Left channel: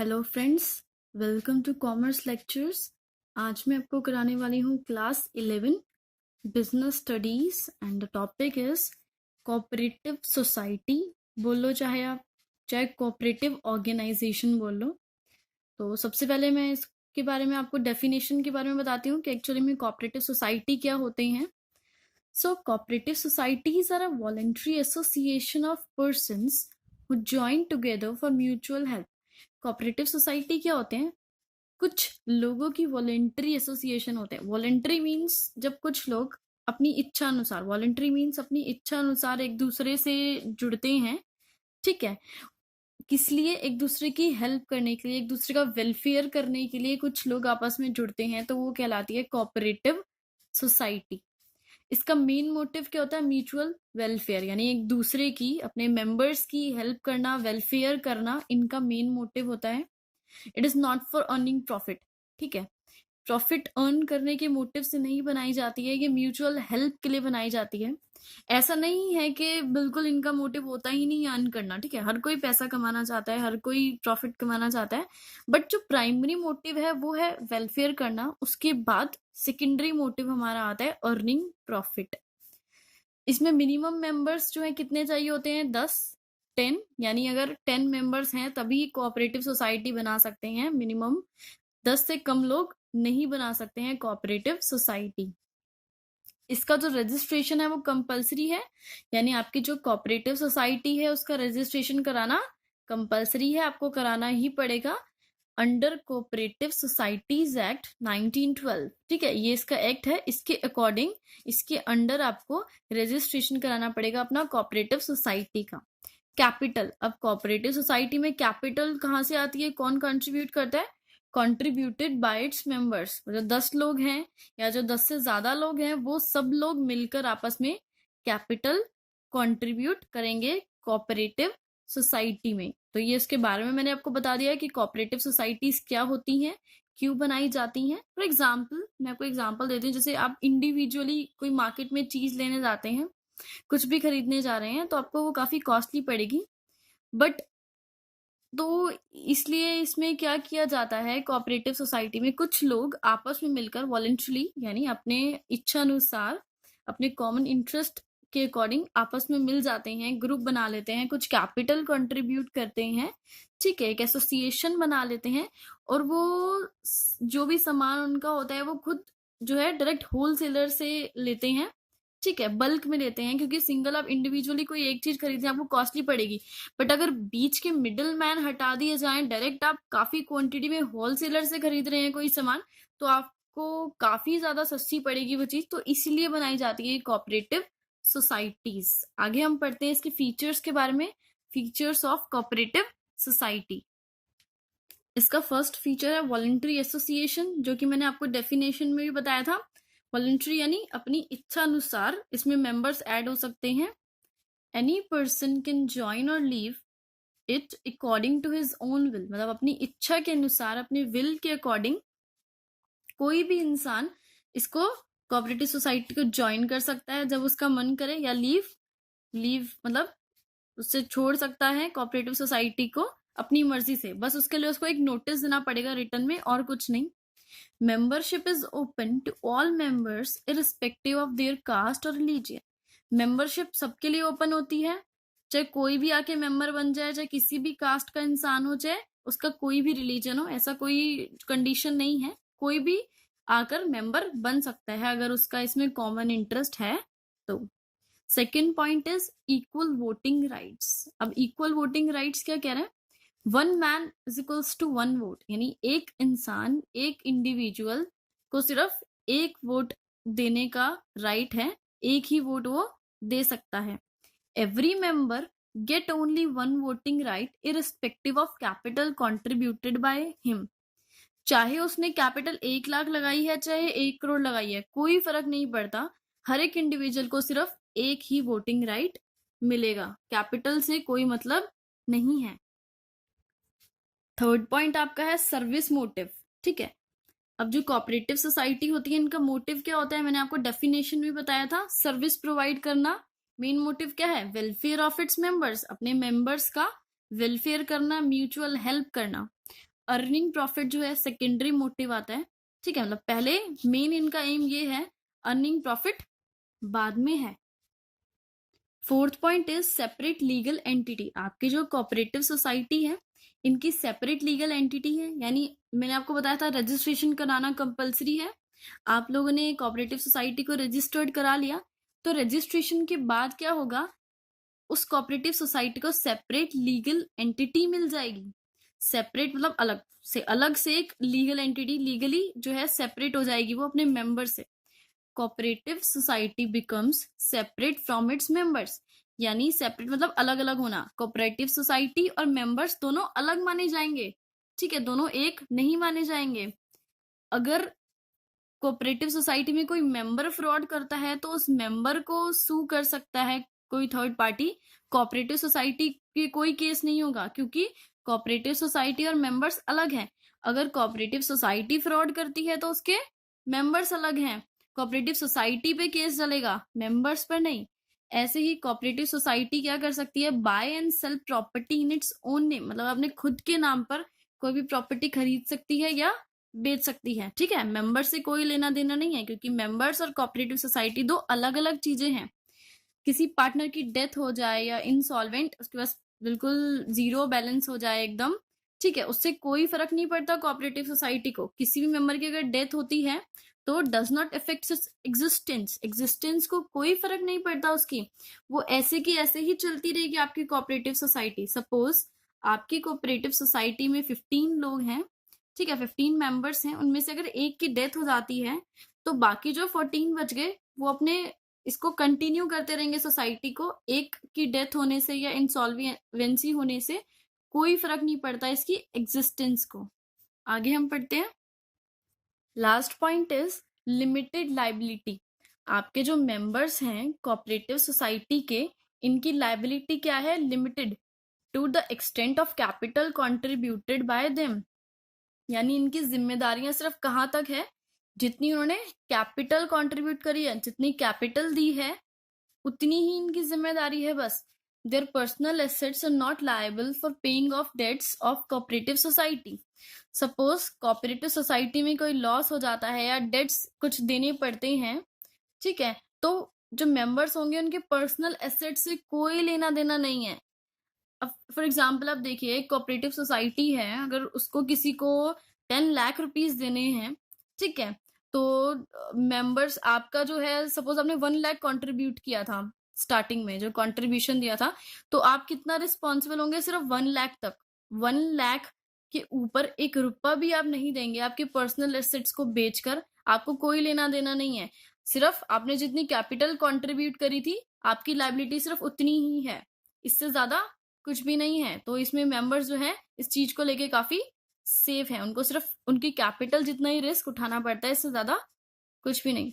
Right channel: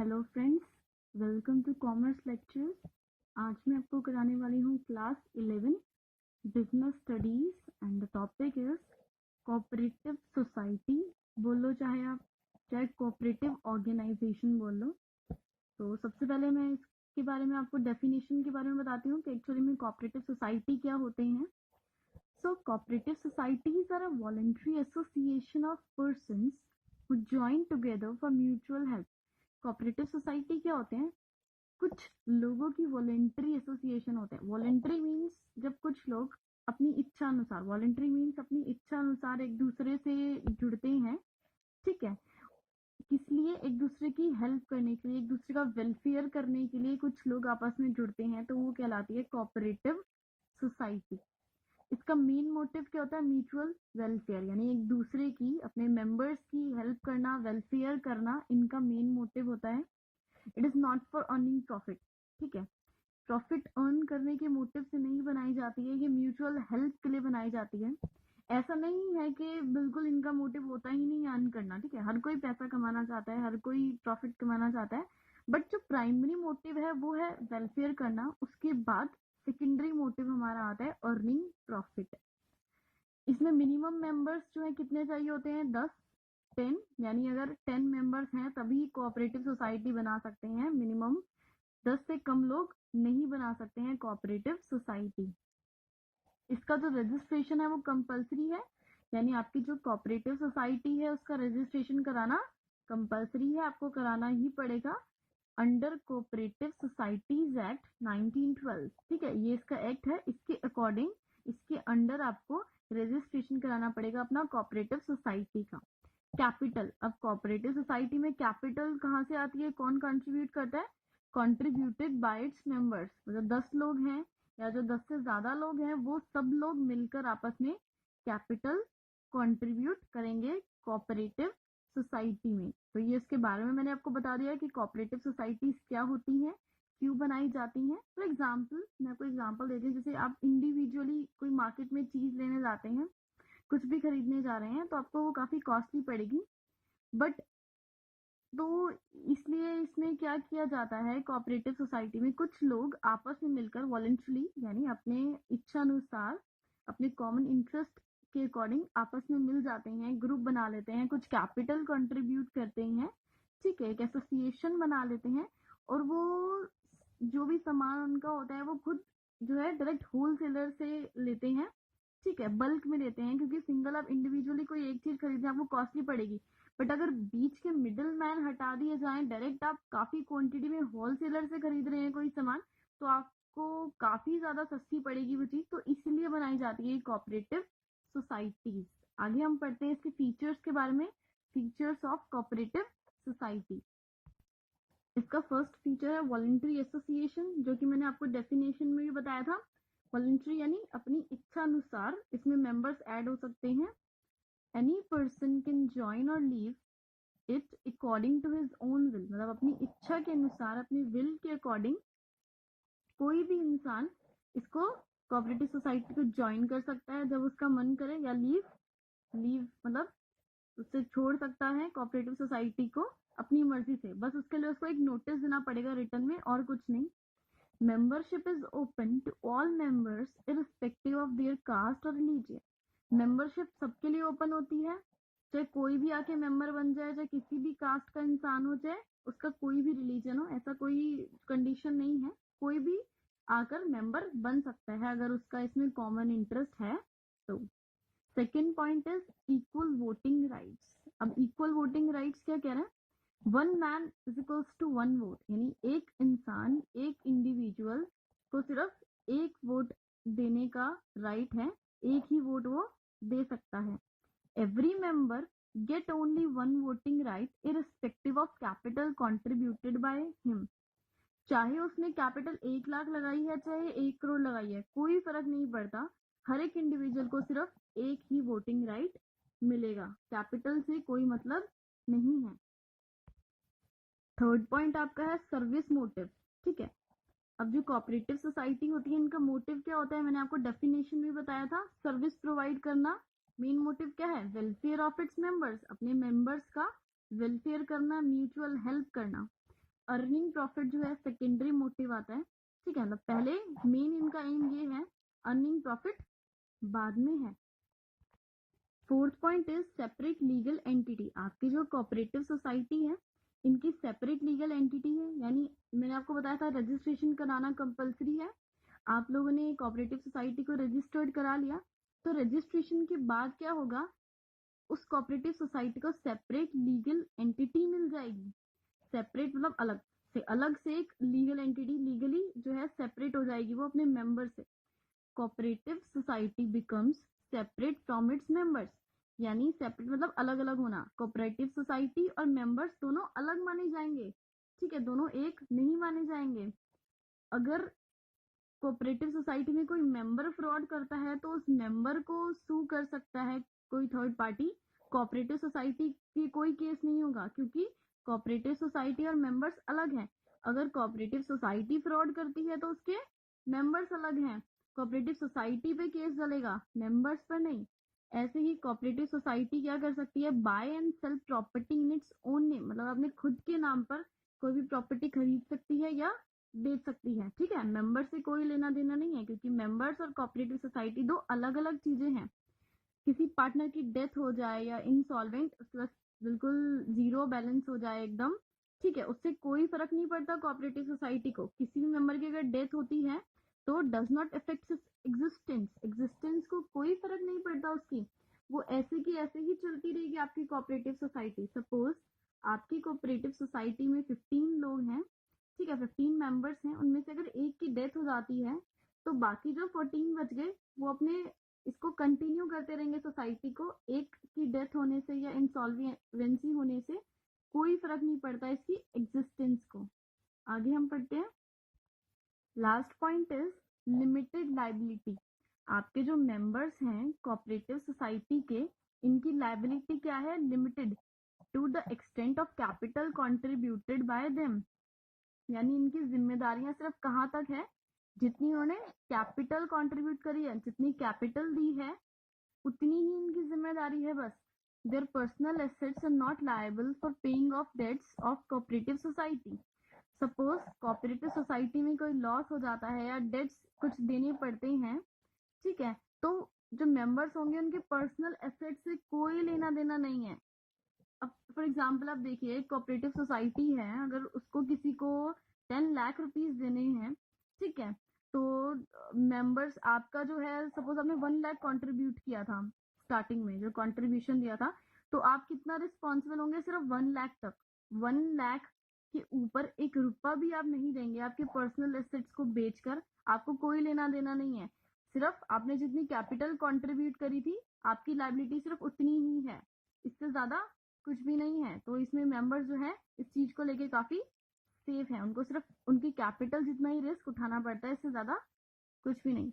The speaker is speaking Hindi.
Hello friends, welcome to commerce lectures. आज मैं आपको कराने वाली हूँ class 11 business studies and the topic is cooperative society. बोलो चाहे कोऑपरेटिव ऑर्गेनाइजेशन बोलो। तो सबसे पहले मैं इसके बारे में आपको डेफिनेशन के बारे में बताती हूँ कि एक्चुअली में कोऑपरेटिव सोसाइटी क्या होते हैं। So, cooperative societies are a voluntary association of persons who join together for mutual help. Cooperative society क्या होते हैं? कुछ लोगों की वॉलेंट्री एसोसिएशन होते हैं। वॉलेंट्री मीन्स जब कुछ लोग अपनी इच्छा अनुसार, वॉलेंट्री मीन्स अपनी इच्छा अनुसार एक दूसरे से जुड़ते हैं, ठीक है। किस लिए? एक दूसरे की हेल्प करने के लिए, एक दूसरे का वेलफेयर करने के लिए कुछ लोग आपस में जुड़ते हैं, तो वो कहलाती है कोऑपरेटिव सोसाइटी। इसका मेन मोटिव क्या होता है? म्यूचुअल वेलफेयर, यानी एक दूसरे की, अपने मेंबर्स की हेल्प करना, वेलफेयर करना, इनका मेन मोटिव होता है। It is not for earning profit, ठीक है। प्रॉफिट अर्न करने के मोटिव से नहीं बनाई जाती है, ये म्यूचुअल हेल्प के लिए बनाई जाती है। ऐसा नहीं है कि बिल्कुल इनका मोटिव होता ही नहीं अर्न करना, ठीक है। हर कोई पैसा कमाना चाहता है, हर कोई प्रॉफिट कमाना चाहता है, बट जो प्राइमरी मोटिव है वो है वेलफेयर करना। उसके बाद सेकेंडरी मोटिव हमारा आता है अर्निंग प्रॉफिट। इसमें मिनिमम मेंबर्स जो है कितने चाहिए होते हैं? 10, यानी अगर 10 मेंबर्स हैं तभी कोऑपरेटिव सोसाइटी बना सकते हैं। मिनिमम 10 से कम लोग नहीं बना सकते हैं कोऑपरेटिव सोसाइटी। इसका जो रजिस्ट्रेशन है वो कंपलसरी है, यानी आपकी जो कोऑपरेटिव सोसाइटी है उसका रजिस्ट्रेशन कराना कंपलसरी है, आपको कराना ही पड़ेगा अंडर कोऑपरेटिव सोसाइटीज एक्ट 1912, ठीक है। ये इसका एक्ट है, इसके अकॉर्डिंग, इसके अंडर आपको रजिस्ट्रेशन कराना पड़ेगा अपना कोऑपरेटिव सोसाइटी का। कैपिटल, अब कोऑपरेटिव सोसाइटी में कैपिटल कहाँ से आती है? कौन कंट्रीब्यूट करता है? Contributed bye its members. जो 10 लोग हैं या जो 10 से ज्यादा लोग हैं, वो सब लोग मिलकर आपस में कैपिटल कंट्रीब्यूट करेंगे कोऑपरेटिव सोसाइटी में। तो ये इसके बारे में मैंने आपको बता दिया है कि कोऑपरेटिव सोसाइटीज क्या होती हैं, क्यों बनाई जाती हैं। फॉर एग्जाम्पल, मैं आपको एग्जाम्पल देती हूँ। जैसे आप इंडिविजुअली कोई मार्केट में चीज लेने जाते हैं, कुछ भी खरीदने जा रहे हैं, तो आपको वो काफी कॉस्टली पड़ेगी, बट तो इसलिए इसमें क्या किया जाता है, कोऑपरेटिव सोसाइटी में कुछ लोग आपस में मिलकर वॉलंटरली, यानी अपने इच्छा अनुसार, अपने कॉमन इंटरेस्ट के अकॉर्डिंग आपस में मिल जाते हैं, ग्रुप बना लेते हैं, कुछ कैपिटल कंट्रीब्यूट करते हैं, ठीक है, एक एसोसिएशन बना लेते हैं, और वो जो भी सामान उनका होता है वो खुद जो है डायरेक्ट होलसेलर से लेते हैं, ठीक है, बल्क में लेते हैं, क्योंकि सिंगल आप इंडिविजुअली कोई एक चीज खरीदे आपको कॉस्टली पड़ेगी। बट अगर बीच के मिडिल मैन हटा दिए जाएं, डायरेक्ट आप काफी क्वांटिटी में होलसेलर से खरीद रहे हैं कोई सामान, तो आपको काफी ज्यादा सस्ती पड़ेगी वो चीज। तो इसीलिए बनाई जाती है कोऑपरेटिव सोसाइटीज। आगे हम पढ़ते हैं इसके फीचर्स के बारे में। Features of cooperative society. इसका फर्स्ट फीचर है वॉलंटरी एसोसिएशन, जो कि मैंने आपको डेफिनेशन में भी बताया था। वॉलंटरी यानी अपनी इच्छा अनुसार इसमें मेंबर्स ऐड हो सकते हैं। एनी पर्सन कैन ज्वाइन और leave it according to his own will, मतलब अपनी इच्छा के अनुसार, अपने विल के अकॉर्डिंग कोई भी इंसान इसको कोऑपरेटिव सोसाइटी को ज्वाइन कर सकता है जब उसका मन करे, या लीव मतलब उससे छोड़ सकता है कोऑपरेटिव सोसाइटी को अपनी मर्जी से। बस उसके लिए उसको एक नोटिस देना पड़ेगा रिटर्न में, और कुछ नहीं। Membership is open to all members irrespective of their caste और रिलीजन। मेंबरशिप सबके लिए ओपन होती है, चाहे कोई भी आके मेंबर बन जाए, चाहे किसी भी कास्ट का इंसान हो, चाहे उसका कोई भी रिलीजन हो, ऐसा कोई कंडीशन नहीं है। कोई भी आकर मेंबर बन सकता है अगर उसका इसमें कॉमन इंटरेस्ट है तो। Second point is equal voting rights. अब इक्वल वोटिंग राइट्स क्या कह रहे हैं? 1 man is equals to 1 vote, यानी एक इंसान, एक इंडिविजुअल को सिर्फ एक वोट देने का राइट है, एक ही वोट वो दे सकता है। Every member get only 1 voting right irrespective of capital contributed by him. चाहे उसने कैपिटल 1 लाख लगाई है, चाहे 1 करोड़ लगाई है, कोई फर्क नहीं पड़ता। हर एक इंडिविजुअल को सिर्फ एक ही वोटिंग राइट मिलेगा, कैपिटल से कोई मतलब नहीं है। थर्ड पॉइंट आपका है सर्विस मोटिव, ठीक है। अब जो कोऑपरेटिव सोसाइटी होती है, इनका मोटिव क्या होता है? मैंने आपको डेफिनेशन में बताया था, सर्विस प्रोवाइड करना। मेन मोटिव क्या है? वेलफेयर ऑफ इट्स मेंबर्स, अपने मेंबर्स का वेलफेयर करना, म्यूचुअल हेल्प करना। अर्निंग प्रॉफिट जो है सेकेंडरी मोटिव आता है, ठीक है, मतलब पहले मेन इनका एम ये है, अर्निंग प्रॉफिट बाद में है। Fourth point is separate legal entity. आपकी जो कोऑपरेटिव सोसाइटी है, इनकी सेपरेट लीगल एंटिटी है, यानी मैंने आपको बताया था रजिस्ट्रेशन कराना कंपलसरी है। आप लोगों ने कोऑपरेटिव सोसाइटी को रजिस्टर्ड करा लिया, तो रजिस्ट्रेशन के बाद क्या होगा, उस कोऑपरेटिव सोसाइटी को सेपरेट लीगल एंटिटी मिल जाएगी। सेपरेट मतलब अलग से एक लीगल एंटिटी, लीगली जो है सेपरेट हो जाएगी वो अपने मेंबर से। Cooperative society becomes separate from its members, यानी सेपरेट मतलब अलग अलग होना। कोऑपरेटिव सोसाइटी और मेंबर्स दोनों अलग माने जाएंगे, ठीक है, दोनों एक नहीं माने जाएंगे। अगर कोऑपरेटिव सोसाइटी में कोई मेंबर फ्रॉड करता है तो उस मेंबर को सू कर सकता है कोई थर्ड पार्टी। कोऑपरेटिव सोसाइटी के कोई केस नहीं होगा, क्योंकि कोऑपरेटिव सोसाइटी और मेंबर्स अलग हैं। अगर कोऑपरेटिव सोसाइटी फ्रॉड करती है तो उसके मेंबर्स अलग हैं, कोऑपरेटिव सोसाइटी पे केस चलेगा, मेंबर्स पर नहीं। ऐसे ही कोऑपरेटिव सोसाइटी क्या कर सकती है, buy and sell property in its own name, मतलब अपने खुद के नाम पर कोई भी प्रॉपर्टी खरीद सकती है या बेच सकती है, ठीक है। मेंबर से कोई लेना देना नहीं है, क्योंकि मेंबर्स और कोऑपरेटिव सोसाइटी दो अलग अलग चीजें हैं। किसी पार्टनर की डेथ हो जाए या इंसॉल्वेंट, उसके पास बिल्कुल जीरो बैलेंस हो जाए एकदम, ठीक है, उससे कोई फर्क नहीं पड़ता कोऑपरेटिव सोसाइटी को। किसी भी मेंबर की अगर डेथ होती है तो डज नॉट अफेक्ट एग्जिस्टेंस को कोई फर्क नहीं पड़ता उसकी, वो ऐसे की ऐसे ही चलती रहेगी आपकी कोऑपरेटिव सोसाइटी। सपोज आपकी कोऑपरेटिव सोसाइटी में 15 लोग हैं, ठीक है, 15 मेंबर्स हैं, उनमें से अगर एक की डेथ हो जाती है तो बाकी जो 14 बच गए वो अपने इसको कंटिन्यू करते रहेंगे सोसाइटी को। एक की डेथ होने से या इंसॉल्वेंसी होने से कोई फर्क नहीं पड़ता इसकी एग्जिस्टेंस को। आगे हम पढ़ते हैं। Last point is limited liability. आपके जो मेंबर्स हैं कोऑपरेटिव सोसाइटी के, इनकी लाइबिलिटी क्या है, limited to the extent of capital contributed by them, यानी इनकी जिम्मेदारियां सिर्फ कहाँ तक है, जितनी उन्होंने कैपिटल कंट्रीब्यूट करी है, जितनी कैपिटल दी है उतनी ही इनकी जिम्मेदारी है बस। Their personal assets are not liable for paying off debts of cooperative society. Suppose cooperative society में कोई लॉस हो जाता है या डेट्स कुछ देने पड़ते हैं, ठीक है, तो जो मेंबर्स होंगे उनके पर्सनल एसेट से कोई लेना देना नहीं है। अब फॉर एग्जाम्पल आप देखिए, कोऑपरेटिव सोसाइटी है, अगर उसको किसी को 10 लाख रुपीज देने हैं, ठीक है, तो मेंबर्स आपका जो है, सपोज आपने 1 लाख कंट्रीब्यूट किया था स्टार्टिंग में, जो कंट्रीब्यूशन दिया था, तो आप कितना रिस्पॉन्सिबल होंगे, सिर्फ 1 लाख तक। 1 लाख के ऊपर एक रुपया भी आप नहीं देंगे आपके पर्सनल एसेट्स को बेचकर, आपको कोई लेना देना नहीं है। सिर्फ आपने जितनी कैपिटल कंट्रीब्यूट करी थी, आपकी लाइबिलिटी सिर्फ उतनी ही है, इससे ज्यादा कुछ भी नहीं है। तो इसमें मेंबर्स जो है इस चीज को लेके काफी सेफ है, उनको सिर्फ उनकी कैपिटल जितना ही रिस्क उठाना पड़ता है, इससे ज्यादा कुछ भी नहीं।